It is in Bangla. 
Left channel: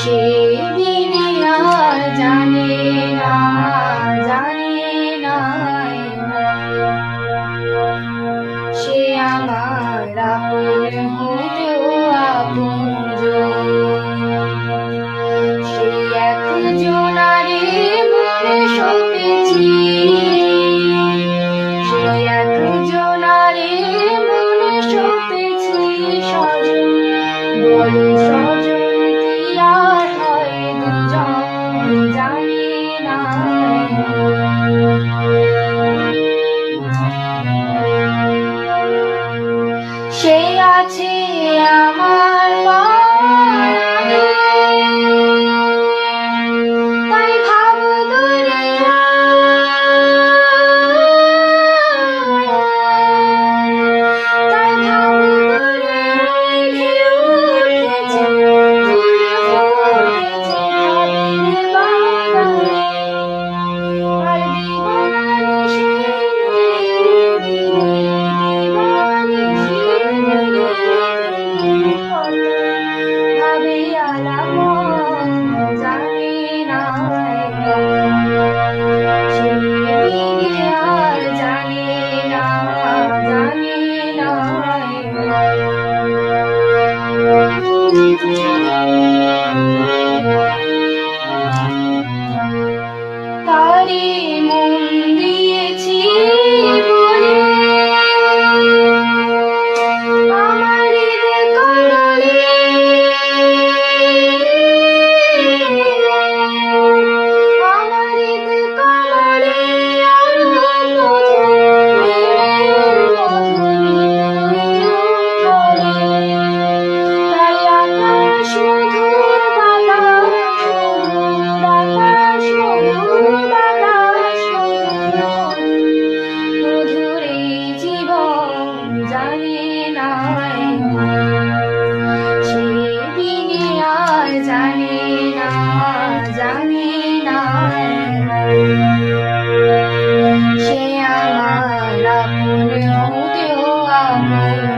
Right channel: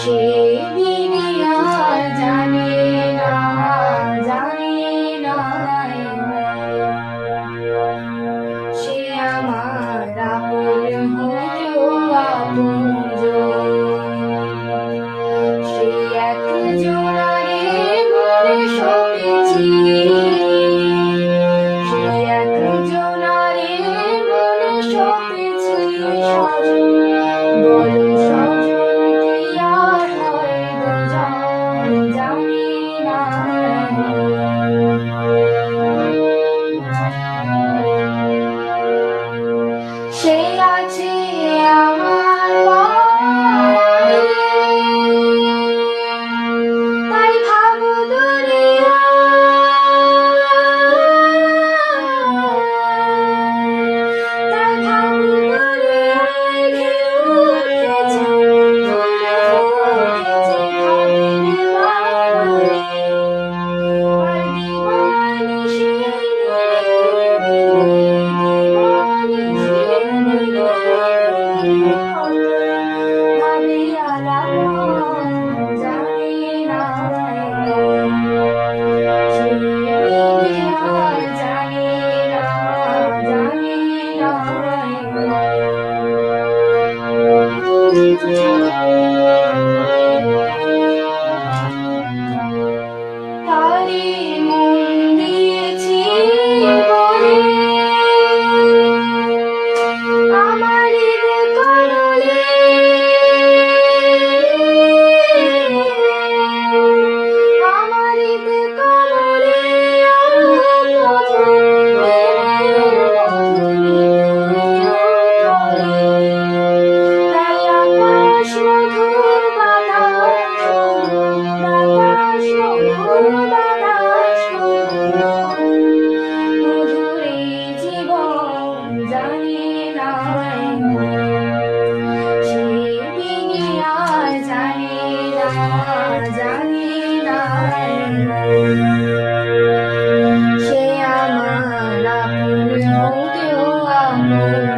সে Georgia. Hari সে আমার আপন হতেও আপনজন